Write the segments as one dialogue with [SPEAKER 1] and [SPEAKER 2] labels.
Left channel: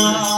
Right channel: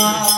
[SPEAKER 1] Yeah.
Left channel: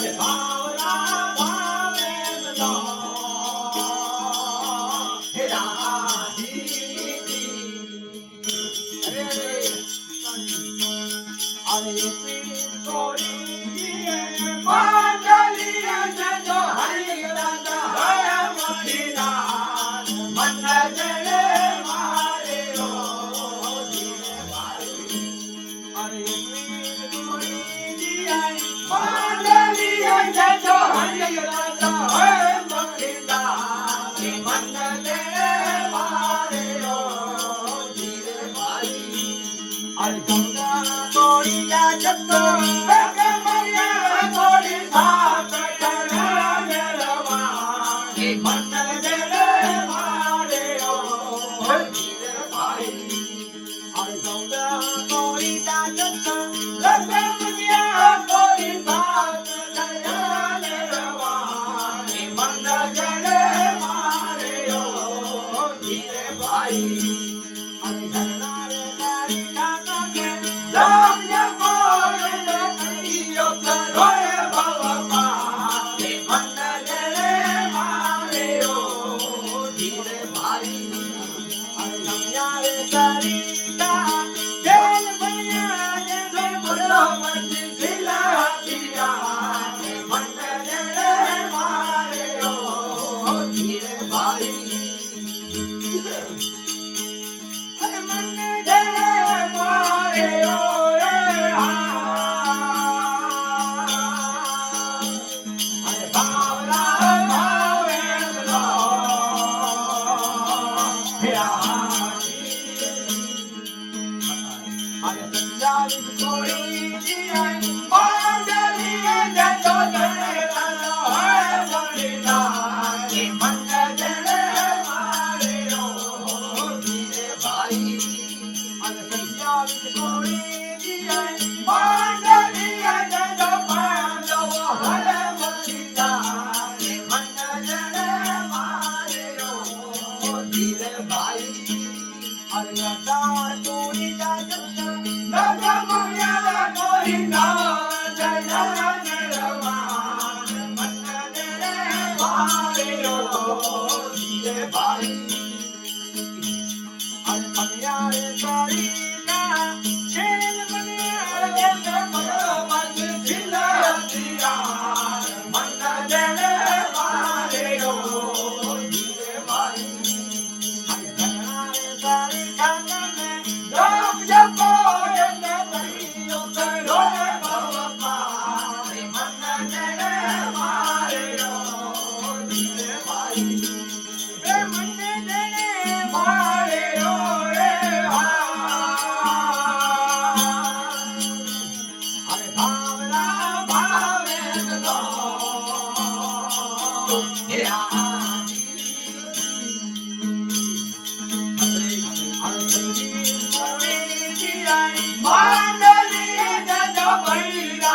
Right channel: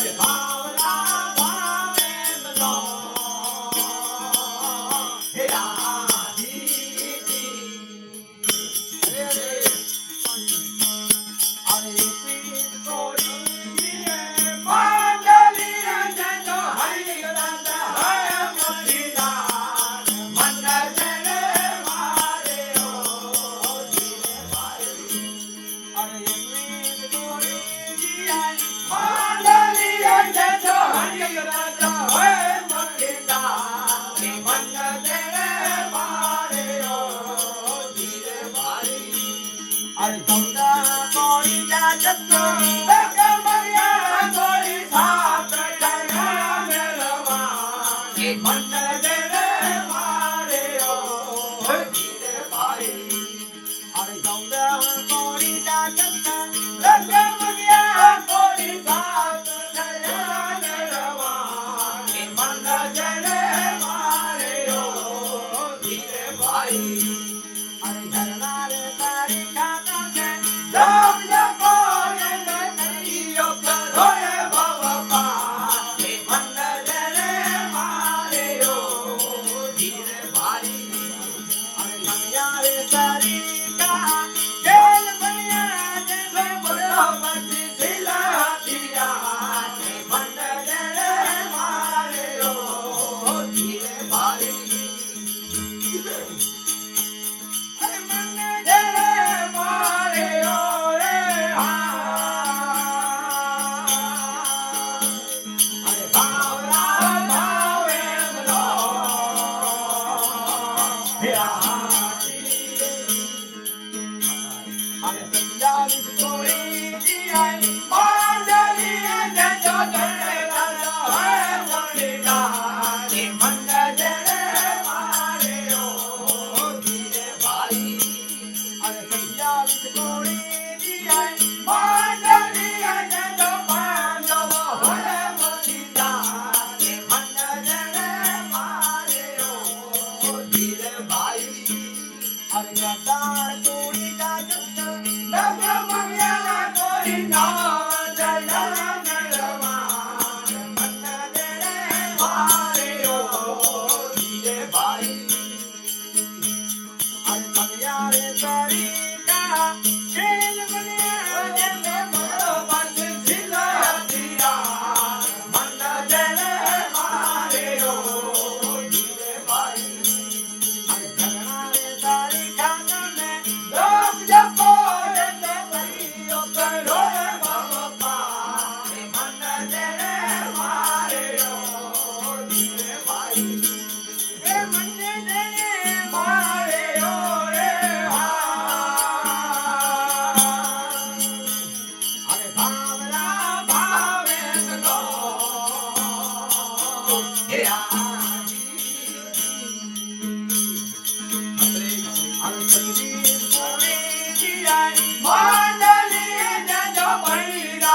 [SPEAKER 1] 健、啊、康 Corina, Corina, Corina, Corina, Corina, everybody Mm -hmm.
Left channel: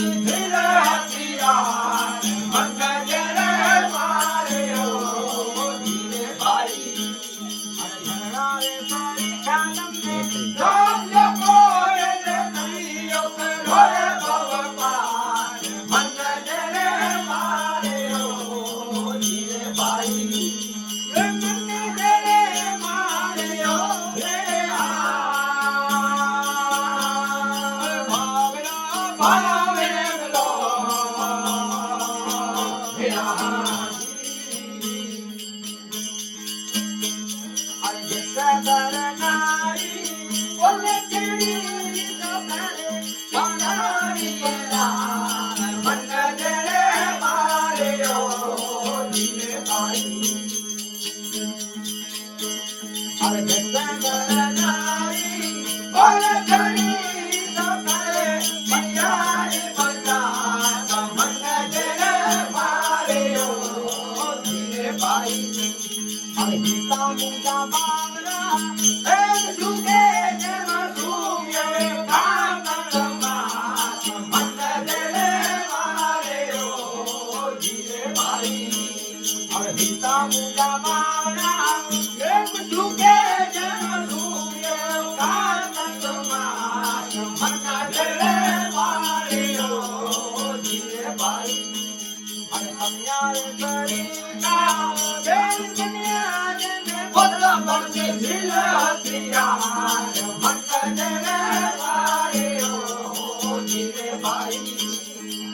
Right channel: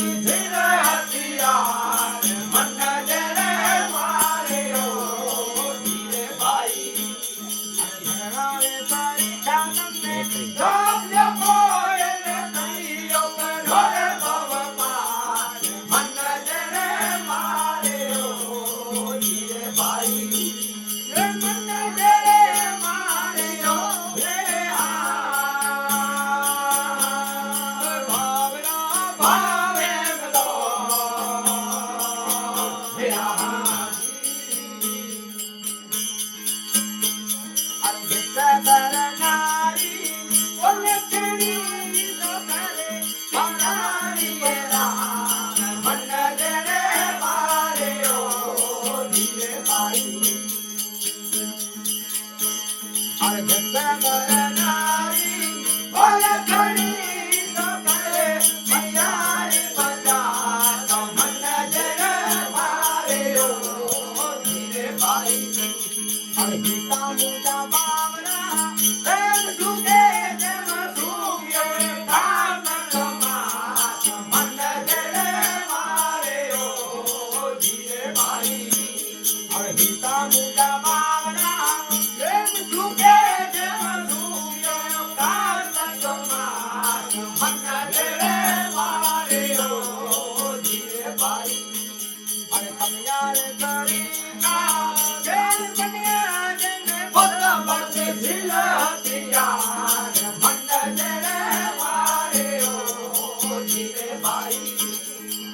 [SPEAKER 1] Yeah. Mas se não me dá palavra, é isso que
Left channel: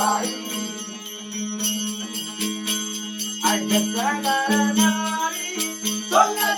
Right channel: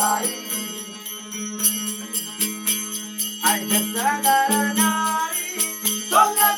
[SPEAKER 1] I just wanna i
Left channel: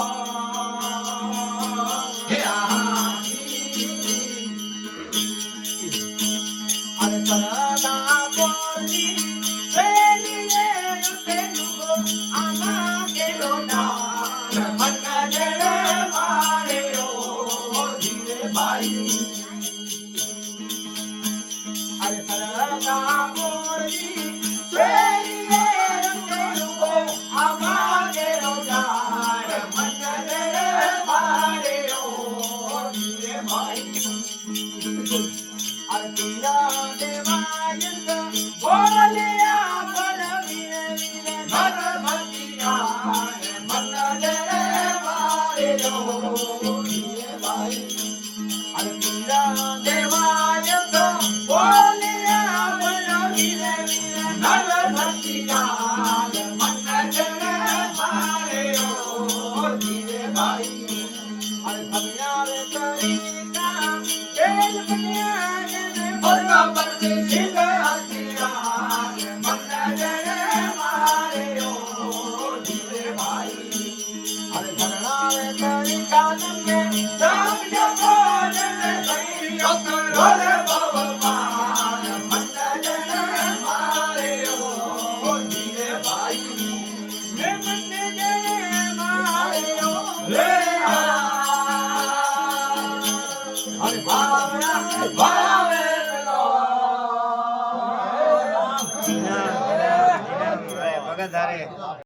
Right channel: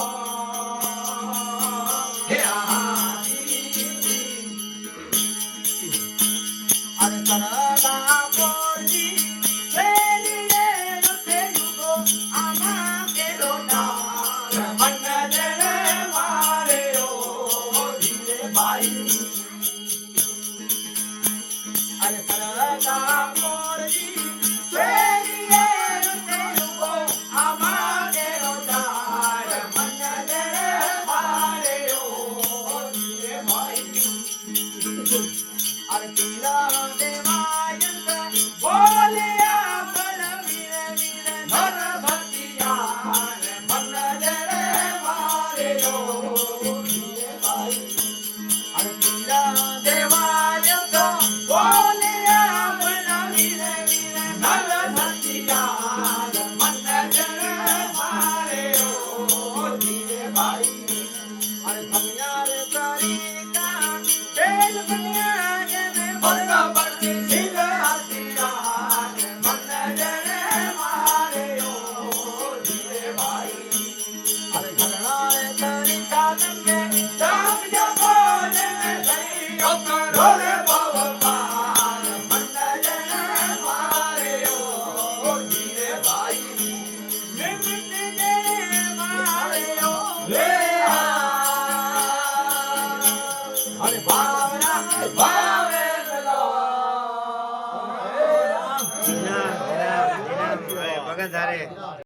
[SPEAKER 1] I'm right, thank you ಹಾಗಾದರೆ